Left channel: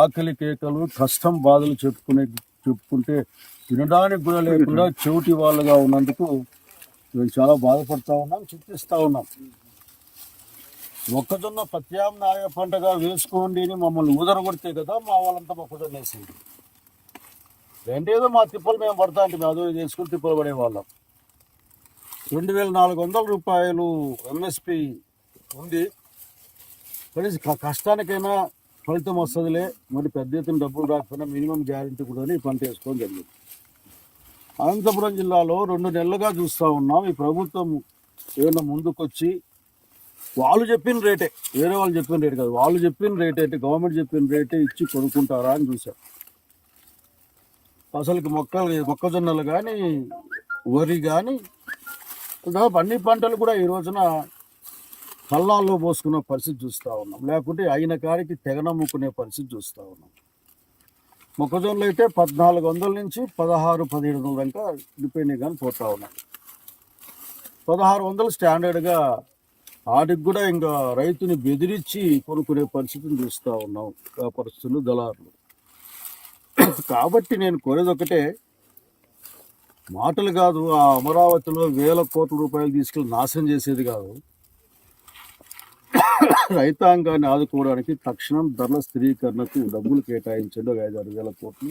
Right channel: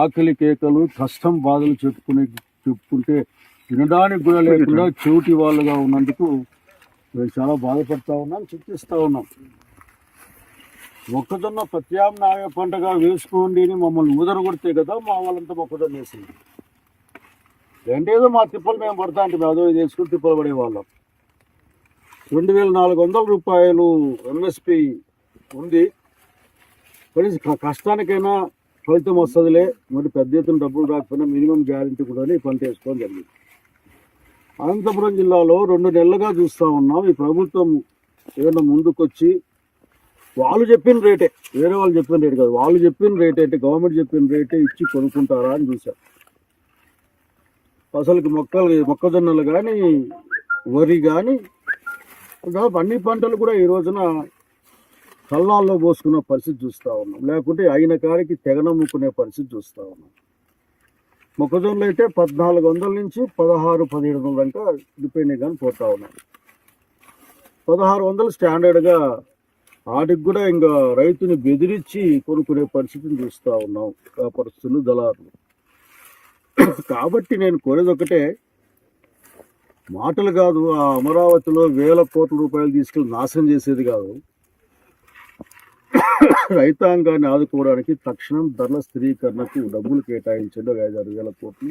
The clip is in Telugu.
ఆకలి కేకలు, కష్టం బాధలు చెప్పుకుంటే వినడానికి కూడా లేకుండా చెవిటి వాళ్ళుగా ఉన్నందుకు మేము చాలా బాధపడతా ఉన్నాం, చింతిస్తూ ఉన్నాం. మొక్కజొన్న ప్రత్యామ్నాయ పంటగా వేసుకోండి అని మమ్మల్ని ఊదరగొడితే కదా మా వాళ్ళంతా మొక్కజొన్న వేసింది. ఏంటేదో మా తిప్పలు మేము పడతా అంటే మేము అదో వేసుకుని తిప్పలు పడేవాళ్ళం. 2400 రూపాయలు ఎంఎస్పి ఉంది. కనీసం కష్టానికైనా ఫలితం వస్తుందిలే, మరి పెద్ద ఎత్తున డబ్బులు రాకపోయినా మినిమం గ్యారెంటీ కూడా ఈ పంట వేసుకోవడం జరిగింది. అనంతపురం జిల్లాలో 2 నెలలుగా చూస్తూ ఉన్నాం. ఈ ప్రభుత్వం ఏదైనా ముందుకొచ్చి వాళ్ళు చెప్పిన రేటే, వేరే వాళ్ళు చెప్పిన రేటు కాదు, వాళ్ళు చెప్పిన రేట్ అంటే గవర్నమెంట్ చెప్పిన రేటే ఇచ్చి కొనుక్కుంటారా అని చూసాం. అసలుకి మొక్కజొన్నలు కానీ, వరి కానీ, అన్ని పంటలు కూడా ఈ రోజున కళ్ళాల్లో పోసుకున్న పరిస్థితి చూస్తూ ఉన్నాం. లేకుంటే అయిన కాడికి తెగనమ్ముకునే పరిస్థితి చూస్తూ ఉన్నాం. మొక్కజొన్నలు అయితే 1400 నుంచి 1600-1700 దాకా డిపెండింగ్ కానీ పోతూ ఉన్నాం. 1600 స్టాండర్డ్గా, వాటికి కూడా ఇంకా రైతుని బెదిరించి కొనుక్కునే పరిస్థితిని చూస్తూ ఉన్నాం వ్యాపారస్తులు, దళారులు. కాబట్టి నేను కోరేది ఒకటే, మాటలు కాదు, ఆ అమరావతిలో 1000 కోట్ల రూపాయలు తీసుకెళ్ళి నాశనం చేసేది కాదు, రైతాంగాన్ని ఆదుకోవడానికి తక్షణం ధరల స్థిరీకరణకు డబ్బులు కేటాయించండి. 5-6 వేల కోట్లు